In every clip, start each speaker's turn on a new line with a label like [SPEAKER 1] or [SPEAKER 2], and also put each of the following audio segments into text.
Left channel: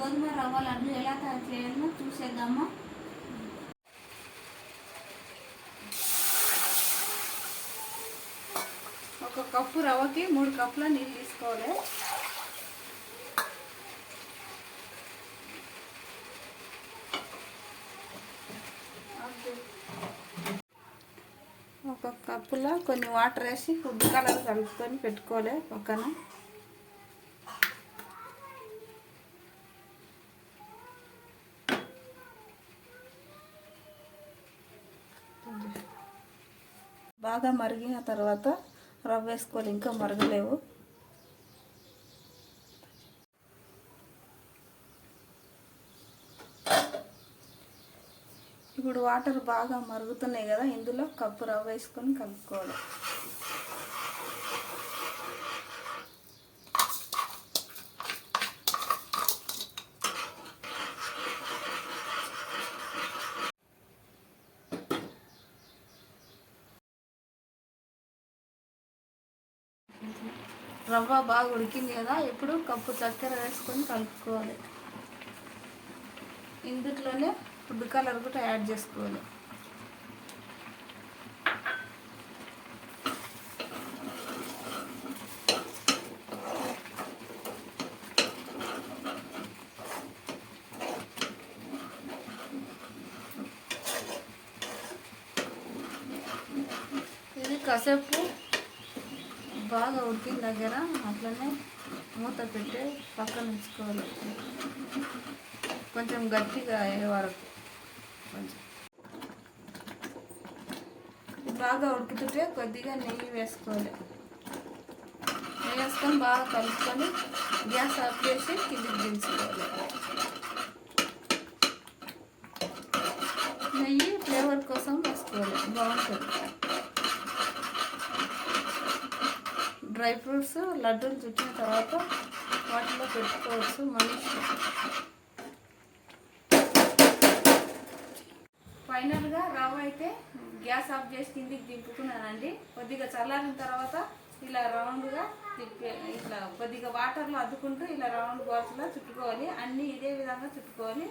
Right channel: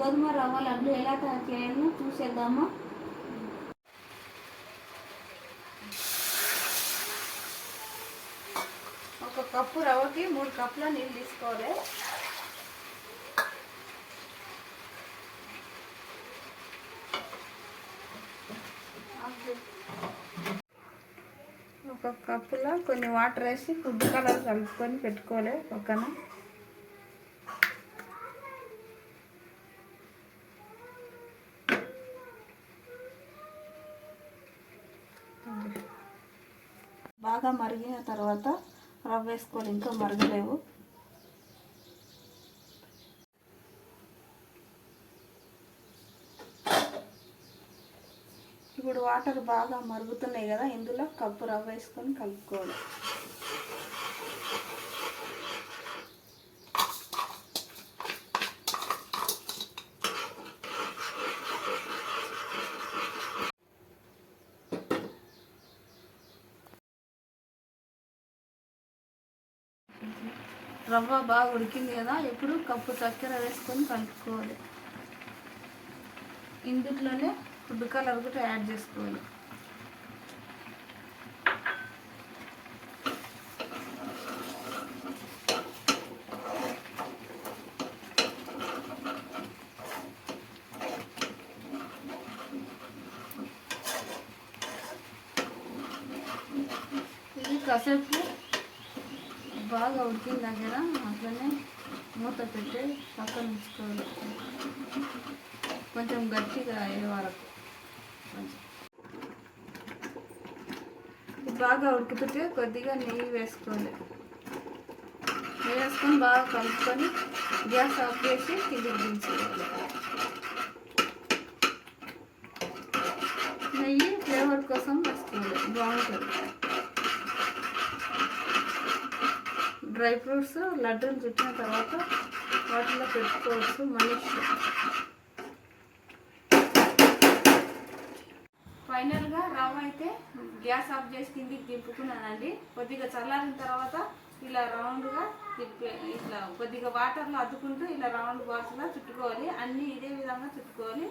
[SPEAKER 1] గోధుమ రవ్వ లడ్డు ఎలా తయారు చేయాలో చూసేద్దాము. ఒక కప్పు రవ్వకి మూడు కప్పుల నీళ్ళు తీసుకోవాలి. ఒక కప్పులో కొన్ని వాటర్ వేసి ఫుడ్ కలర్ కలుపుకొని పెట్టుకోవాలి పక్కన. బాగా మరిగిన తర్వాత రవ్వ వేసుకోవాలి. ఇంకా మరగలేవు. ఇప్పుడు వాటర్ బాగా మరుగుతున్నాయి కదా ఇందులో కప్పు రవ్వ వేసుకొని కలుపుకోవాలి. రవ్వ బాగా ఉడికింది కదా ఇప్పుడు కప్పు చక్కెర వేసుకొని కలుపుకోవాలి. ఇందులోనే ఫుడ్ కలర్ కూడా యాడ్ చేసుకోవాలి. ఇది కాసేపు బాగా ఉడికిన దగ్గర అట్లనే మూత పెట్టి పక్కన ఉంచుకోవాలి. కొంచెం గట్టిగా అయ్యే వరకు. బాగా ఉడుకుతుంటే కొద్దిగా నెయ్యి వేసుకోవాలి. నెయ్యి వేసుకొని బాగా కలుపుకొని గ్యాస్ ఆఫ్ చేసి కిందికి దించుకోవాలి. నెయ్యి ఫ్లేవర్ కోసం వేసుకోవాలి. బాగుంటుంది. డ్రై ఫ్రూట్స్ లడ్డూని చుట్టిన తర్వాత వాటిలో పెట్టుకోవచ్చు మన ఫైనల్గా రవ్వ అయితే గ్యాస్ ఆఫ్ చేసి కిందికి తిప్పుకున్నానండి. కొద్దిగా చల్లారిన తర్వాత ఇలా రౌండ్గా తిప్పి ఇట్లా కొద్దిగా వాటర్లో అద్దుకుంటూ ఇలా రౌండ్ బాల్స్లో చుట్టుకోవాలి. అన్నీ ఇదే విధంగా చుట్టుకోవాలి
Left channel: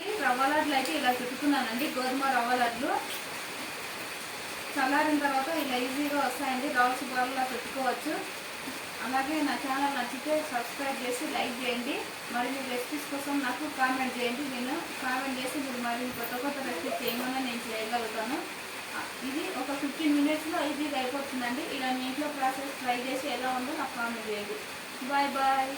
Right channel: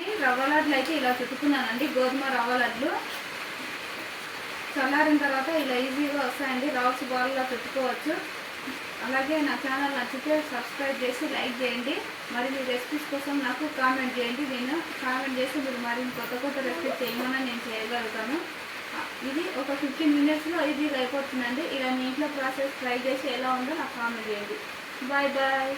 [SPEAKER 1] ఈ రవ్వ లడ్లు అయితే ఇలా చుట్టుకున్నానండి గోధుమ రవ్వ లడ్లు. చల్లారిన తర్వాత ఇలా ఈజీగా వస్తాయండి రవ్స్ బాల్గా పెట్టుకోవచ్చు అలాగే నా ఛానల్ నచ్చితే సబ్స్క్రైబ్ చేసి లైక్ చేయండి. మరి మీ రెసిపీస్ కోసం నాకు కామెంట్ చేయండి. నేను కామెంట్ చేసి మీరు మరి కొత్త కొత్త రెసిపీస్ చేయమని నేను చేయగలుగుతాను. ఇది ఒక ఫిఫ్టీన్ మినిట్స్లో ఈజీగా అయిపోతుందండి. ఇలా మీ ఇంట్లో ప్రాసెస్ ట్రై చేసి ఎలా ఉందో నాకు కామెంట్ చేయండి. Bye bye.